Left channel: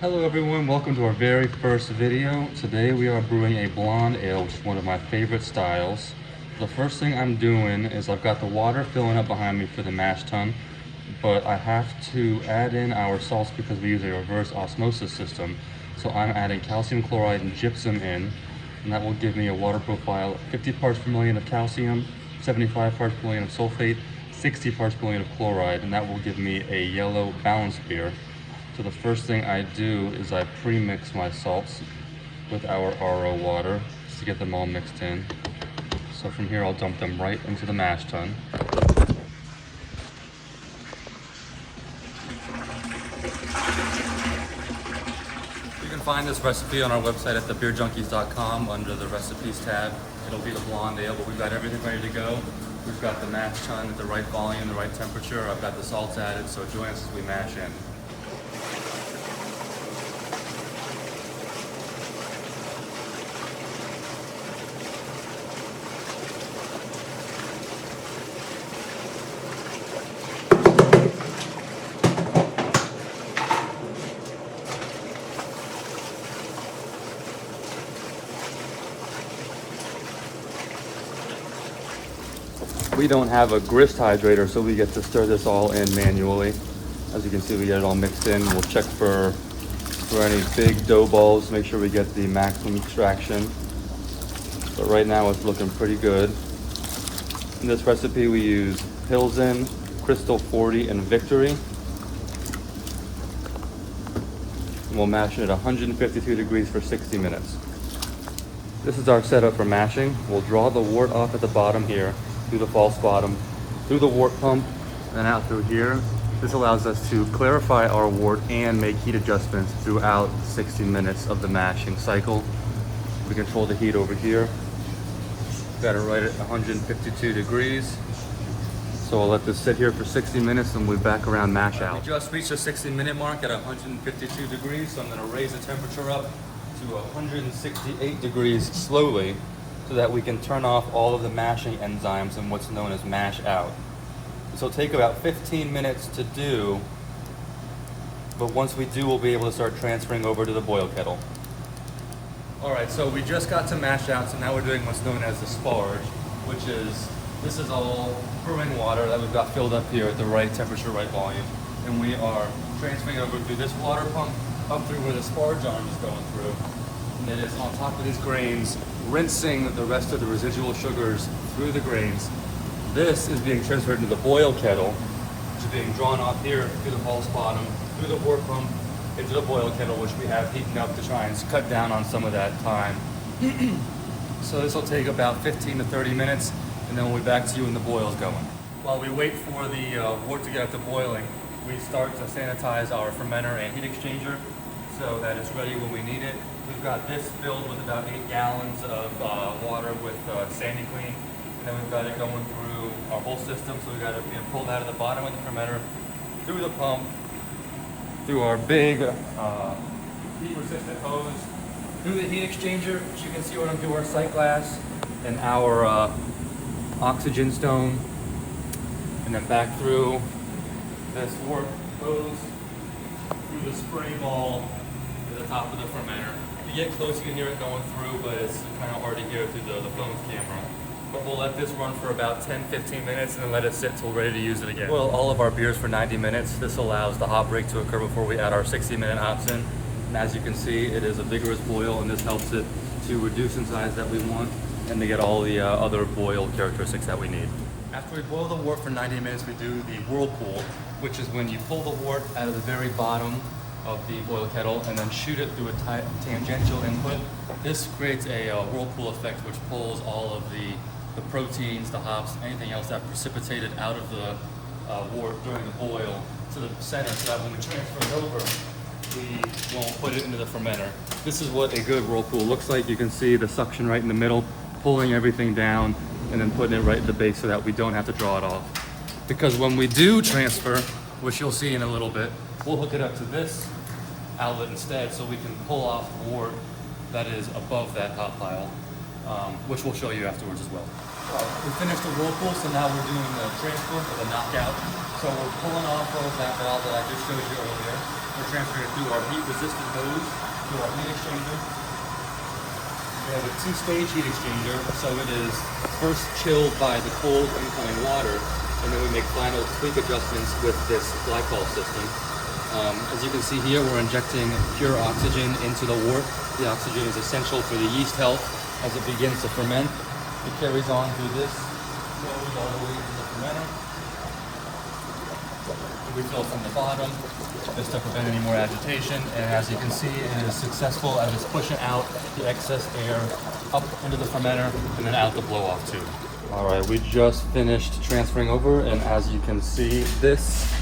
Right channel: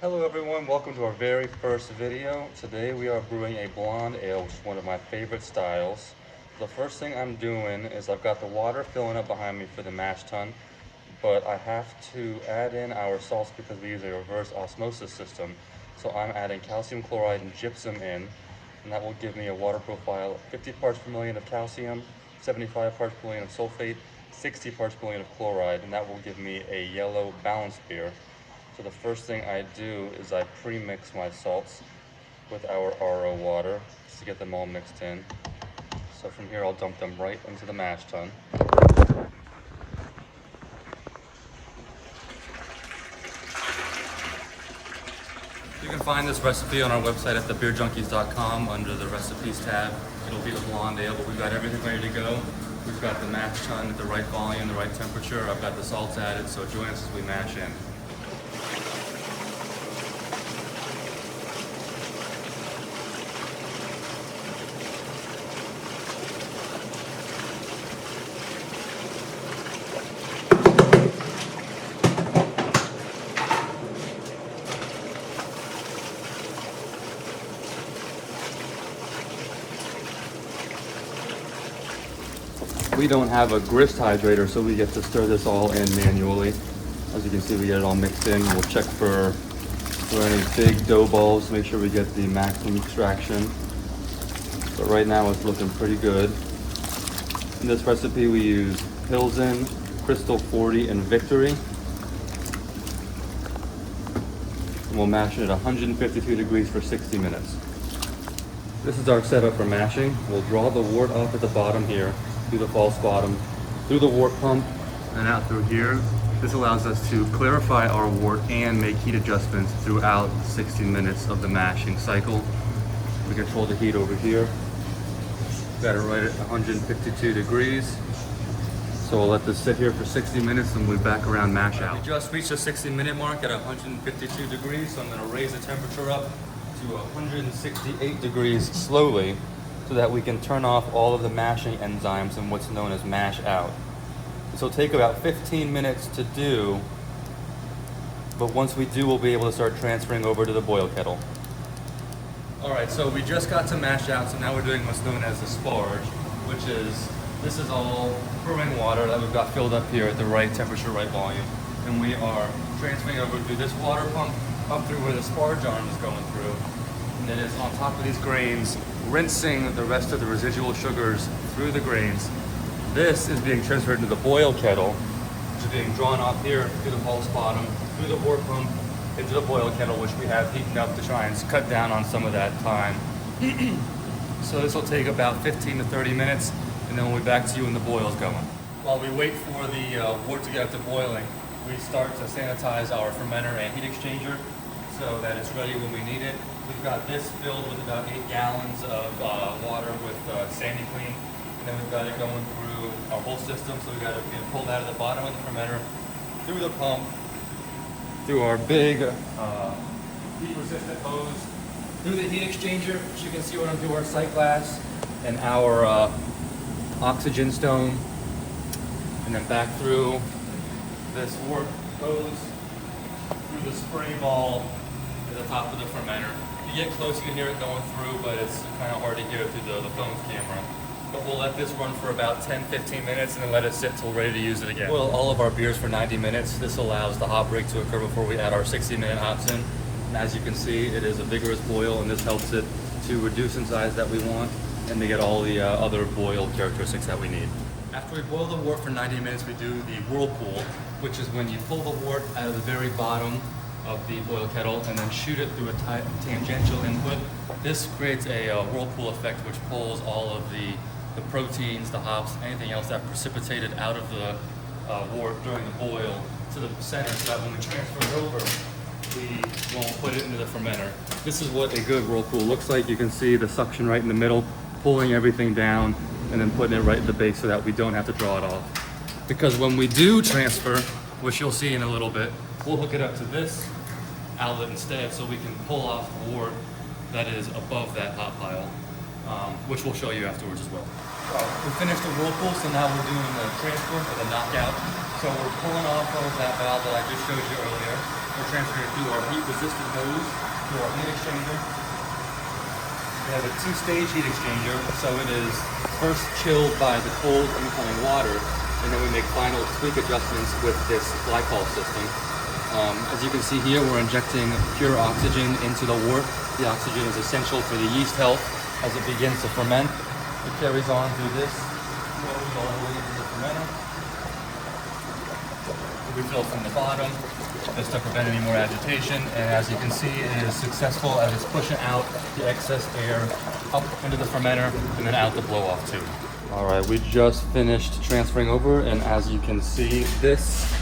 Hello everyone, welcome to our very first video. Today we are brewing a blonde ale, which is one of my favorite styles. The first thing I'm doing is I've got the water filling up behind me for the mash tun, but I have to add in our salts because we use a reverse osmosis system. So I'm adding calcium chloride and gypsum in, and that will give me a water profile of 50 parts per million of calcium, 75 parts per million of sulfate, 60 parts per million of chloride, and that will give me a yellow balanced beer. So the first thing I do is I pre-mix my salts with our RO water just to get them all mixed in. So from here I'll dump them right into the mash tun. You can find this recipe on our website at thebeerjunkies.com under the recipes tab. It'll be the blonde ale, but we've got everything ready to go. We've got the mash tun at the right volume, the right temperature. I've got the salts added, so join us as we mash in. We don't have a grist hydrator, so we get to stir this all in manually. As you can see, we get it all mixed in. We'll check for any big dough balls, make sure we get the maximum extraction. But right now it's looking pretty good. In this recipe we use Pilsen, Crystal 40, and Victory. And we'll mash it at 152 degrees for 60 minutes. This is our setup for mashing. We'll draw the wort off at the bottom here, through the false bottom, through the wort pump, and out through here. This allows us to clarify our wort and make heat adjustments throughout 60 minutes of the mashing cycle. We control the heat over here. Got it right at 152 degrees. So we'll let this sit here for 60 minutes and we'll be back around mash out. We just reached the 60-minute mark at 152 degrees, so I'm gonna raise the temperature up to 168 degrees slowly, so that we can turn off all of the mashing enzymes in what's known as mash out. This will take about 15 minutes to do, but once we do, we'll be able to start transferring over to the boil kettle. All right, so we just got to mash out, so now we're doing what's known as the sparge, which is, this is all brewing water that we've got filled up here at the right temperature, right volume, and we are transferring over through this water pump up through where the sparge arm is going through. And then it's on top of these grains, rinsing the rest of the residual sugars through the grains. This is being transferred into the boil kettle, which is being drawn off here through the false bottom, through the wort pump, into the boil kettle, which we have heating up to try and cut down on some of that time. So this will take about 15 to 30 minutes, and then we'll be back to you when the boil is going. While we wait for the wort to get up to boiling, we start to sanitize our fermenter and heat exchanger so that it's ready when we need it. We've got this filled with about 8 gallons of water with Sandy Clean, and then we've got it going through our whole system. So we've got it being pulled out of the bottom of the fermenter, through the pump, through our big heat-resistant hose, through the heat exchanger, which you can see what I'm doing, our sight glass, and our oxygen stone, and then back through this wort hose, through the spray ball to the top of the fermenter. If you get close, you can hear it going through, but it's kind of hard to hear through the phone's camera. But we'll let this run for about 10-15 minutes and then let it sit till we're ready to use it again. Boil all of our beers for 90 minutes. This allows the hop break to occur before we add our 60-minute hops in. And as you can see, it is a vigorous boil, and this helps it to reduce in size that we want and to get all the other boil characteristics that we need. After we boil the wort for 90 minutes, we do the whirlpool, which is when you pull the wort out of the very bottom of the boil kettle and then shoot it through a tangential input. This creates a whirlpool effect, which pulls all of the proteins, the hops, anything else that precipitated out of the wort during the boil to the center, so that when we transfer it over, we won't put it into the fermenter. This is what a good whirlpool looks like. You can see the suction right in the middle, pulling everything down and then putting it right in the base so that we don't have to draw it off. Because when we do transfer, which you'll see in a little bit, we'll hook it up to this outlet instead, so we can pull off the wort that is above that hop pile, which we'll show you afterwards as well. We finished the whirlpool, so now we're doing the transfer or the knockout. So we're pulling off of that valve that I just showed you earlier, and We're transferring it through our heat-resistant hose to our heat exchanger. We have a two-stage heat exchanger, so it is first chilled by the cold incoming water, and then we make final tweak adjustments with this glycol system. As you can see here, we're injecting pure oxygen into the wort. The oxygen is essential for the yeast health as it begins to ferment. It carries on through this, flows all the way into the fermenter. We refill from the bottom just to prevent any more agitation, and as you can see, it is successful as it's pushing out the excess air up into the fermenter and then out the blow-off tube. All right, we just finished transferring over, and as you can see, this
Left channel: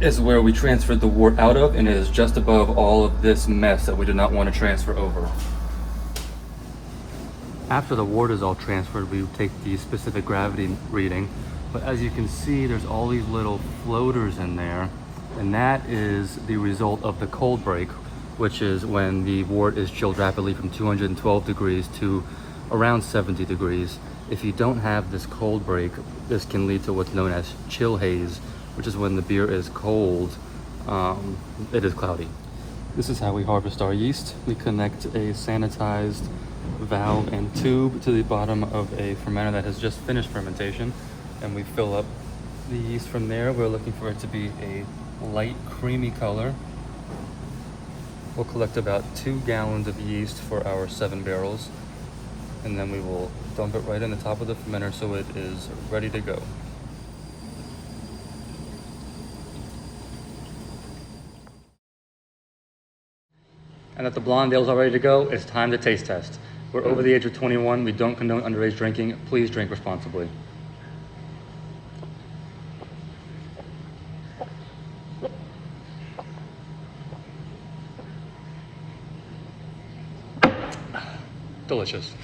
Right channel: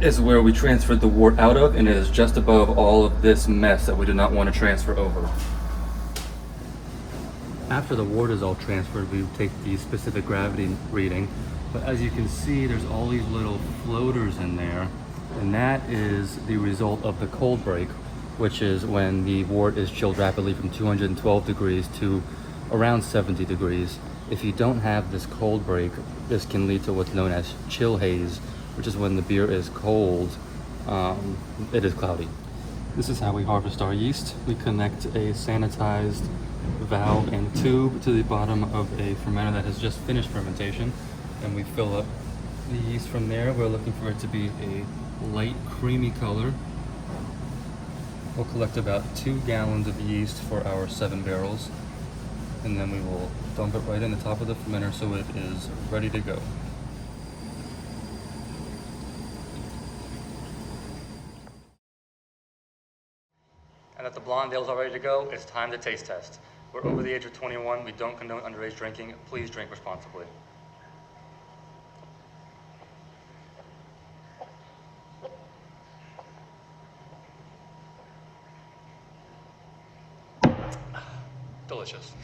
is where we transferred the wort out of, and it is just above all of this mess that we did not want to transfer over. After the wort is all transferred, we take the specific gravity reading, but as you can see, there's all these little floaters in there, and that is the result of the cold break, which is when the wort is chilled rapidly from 212 degrees to around 70 degrees. If you don't have this cold break, this can lead to what's known as chill haze, which is when the beer is cold, it is cloudy. This is how we harvest our yeast. We connect a sanitized valve and tube to the bottom of a fermenter that has just finished fermentation, and we fill up the yeast from there. We're looking for it to be a light creamy color. We'll collect about 2 gallons of yeast for our 7 barrels, and then we will dump it right in the top of the fermenter so it is ready to go. And that the blonde ale's all ready to go, it's time to taste test. We're over the age of 21. We don't condone underage drinking. Please drink responsibly. Delicious.